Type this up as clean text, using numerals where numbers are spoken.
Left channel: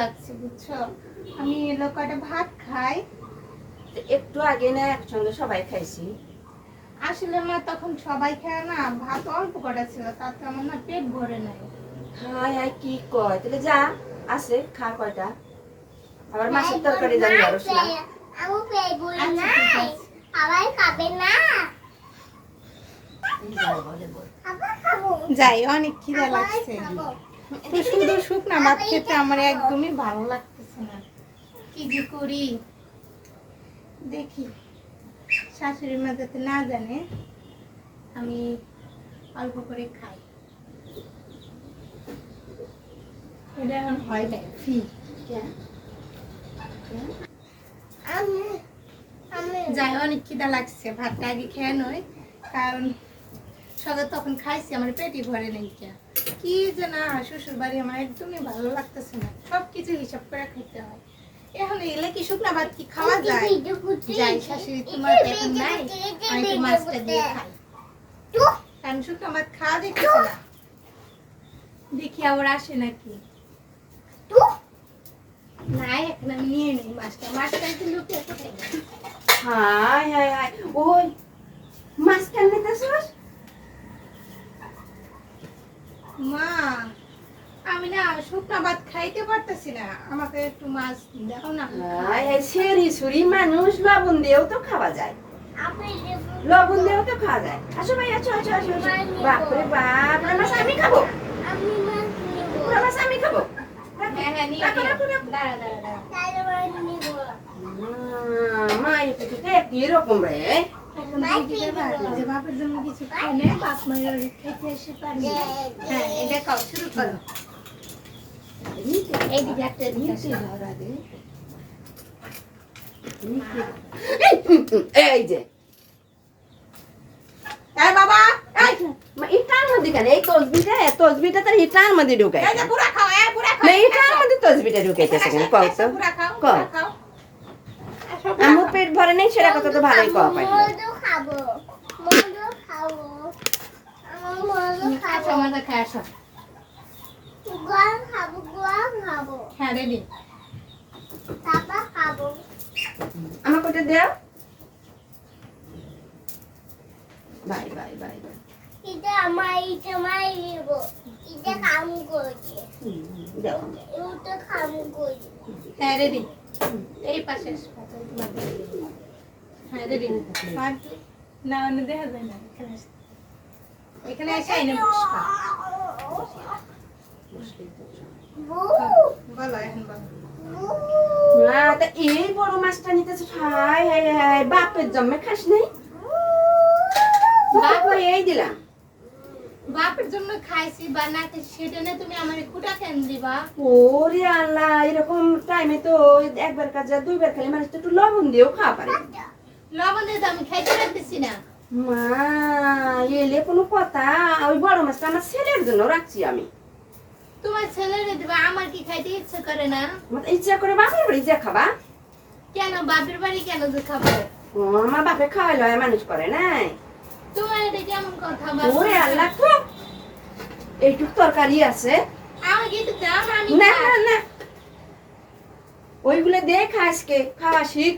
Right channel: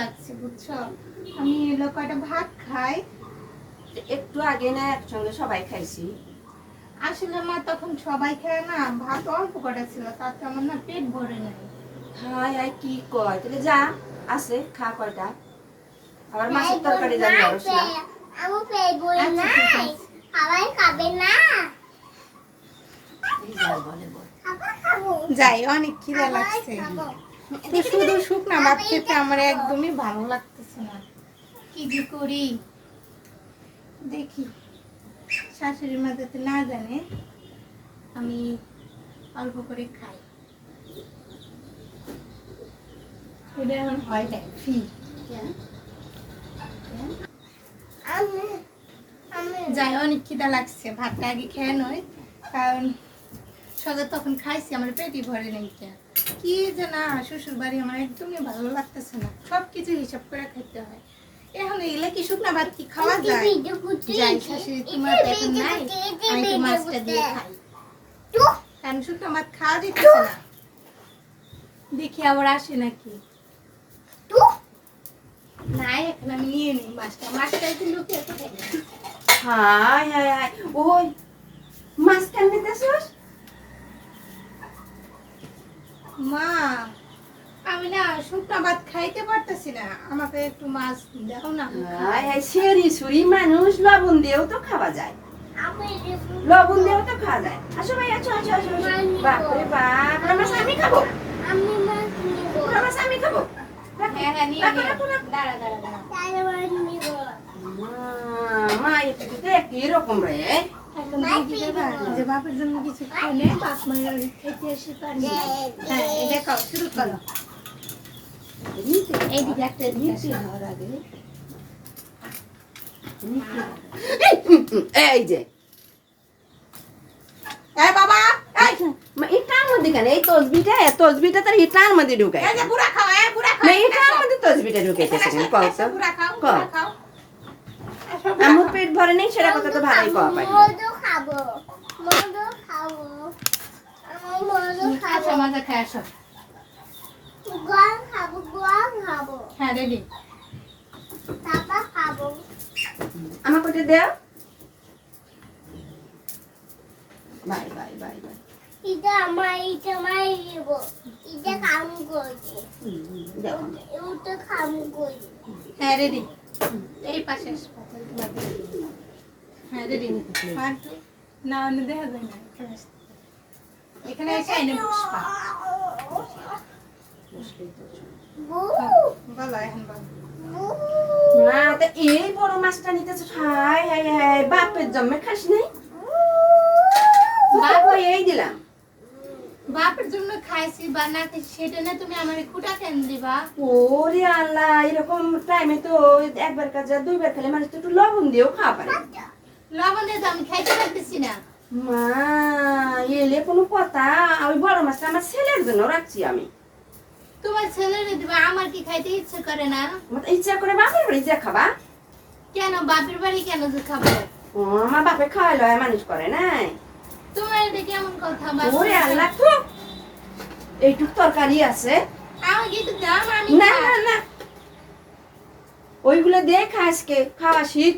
লাগছে বুঝছো, আমি এলো কয়টা ভাত খাই। একটু আগে না একসঙ্গে সবাই খাইছি। আসলে মা তখন সবাই খায় না, ভাত অল্প কটা ছিল, তাতে আমার না পেট ভরে নাই। হাই হাই কি কয়, তাহলে যা আছে খা কয়টা। আবার মাছের তরকারি জানি আরো ছিল। আমি পেট ভরে আচ্ছা, নাই, ঠিক আছে। সবাই খাবে না। আবার খাবো, যাই, অনেক খিদা আবার লাগছে। খাবো। তো শুধু শুকনা ভাত খেতে আমার একদমই ভালো লাগতেছে না, কি যে করি দেখি। শাশুড়ি মা যাতে না জানে আমি অল্প করে খাই, এটা এখন হয় না ফি। যাই, অনেক খিদা লাগছে, ভাতটা আগে খেয়ে নয়, কারণ সকালে তখন খাইছি আমার পেটই ভরে নাই। কি যে না, শ্বশুর বাড়ি আমার একদমই ভালো লাগতেছে না, সবকিছু হিসাব করে খেতে হয়। এখন এগুলা কি শুকনা ভাত কি খাওয়া যায়? যাই, শাশুড়ি তোমার তো এখন নাই, আমি তো মাছটা দিয়ে খাই, কারণ শুকনা ভাত খাওয়া যেতেছে না। দেখি আবার আসে নাকি। নাই, এখন আমি নিয়ে নিই মাছটা, মাছটা একটু লুকিয়ে কোথায় গেল? হাই হাই হাই, ওই মাছ কেন নিতেছস? মা, আমি না শুকনা ভাত খাইতে পারতেছি না, আমাকে একটু মাছ দাও না। হাই হাই, সেরি সুরি মানুষ, লবণ দিয়েও তো খাওয়া যায়, লবণ দিয়েও তো খাওয়া যায়। আসো ভাই, আসো আসো আসো। বাপরে বাপ, পুরা মাছ আমি খাবো, আমি মাছ নিব, পুরা মাছ আমি খাবো। হ্যাঁ হ্যাঁ, নিয়ে নিও। দাঁড়া দাঁড়া দাঁড়া। তাহলে মাছ নিব। মা এটা তো একই রকম রে। এখন তুমি কি করবা? যে বাপের জন্য কিছু খাই না, বাপ মায়ের খেতে এসে পারি। হ্যাঁ, এটা খাও, শুরু করো। এইদিকে একটা দিকে ধর আগে। এই যে এই বাবা, এই ইটার মধ্যে কেন এই তসবিটা তার ইটার মধ্যে ঢুকায়, এই যে বুড়া খাও, বুড়া খাও। না ইটার মধ্যে তসবিটা ঢুকাইতেছে কেন কও তো? বুড়া খাও, কও। বুড়া খাও। আসো, বুড়া আমার খাও। পেট ভরে নেই সেটা কথা তো ভালোই কওয়া পারি। মধু খাবো, মধু খাবো, আমার মধু আসো, খাবো, মজা খাই, আসো। গোয়াল খাবো, গোয়াল খাবো, হ্যাঁ, রেডি। তারপর খাবো। আমার কোটে দেও। Bye bye bye bye. এটা আমার নিব, এটা কাম করছে, দাও। এটা কাম করছে। হ্যাঁ, রেডি। এই পাশে এসো, হ্যাঁ, রেডি। আর তো না, অন্য দেখা যায় না, এখানে এসো। এখানে এসে আইনে বসবা। বলো, এখন বলো। মা তা এই বড় মাছটা নিতেছ, হাই হাই হাই, বাপের জন্মে খাস নাই? বাপ ওই এই দিলাম। বাপের জন্য খাইছি বা না খাইছি সেটা না, তুমি আমার কুটা কেন দিবা? ওরে আল্লাহ, এরকম টাইমে তো একবার কাজে দুইবার খেলে মানুষ তো একটু লবণ দিয়েও খাওয়া পারে। লবণ দিয়ে তো আমি খাইতে পারতেছি না। মা এলে কোনো কথা, ওই বড় মাছটা আমার ছেলের জন্য রাখছি আমি। তোমার ছেলেরে দিবা, আমার কি খাইতে ইচ্ছে করে না? আমার তো ইচ্ছা করে বাপের বাড়ি যা খাবা। কেন বাপের বাড়ি কেন যে খাবে? ও আমার বাপে খাওয়াইলো মানুষ করে নাই। তোমার এটা কেমন কথা? ওরে আল্লাহ, তো এইটুক তরকারি আছে, আমি কিন্তু দাম আমি না না না, ওইগুলো দিয়ে খাসকে খাওয়া শিখ।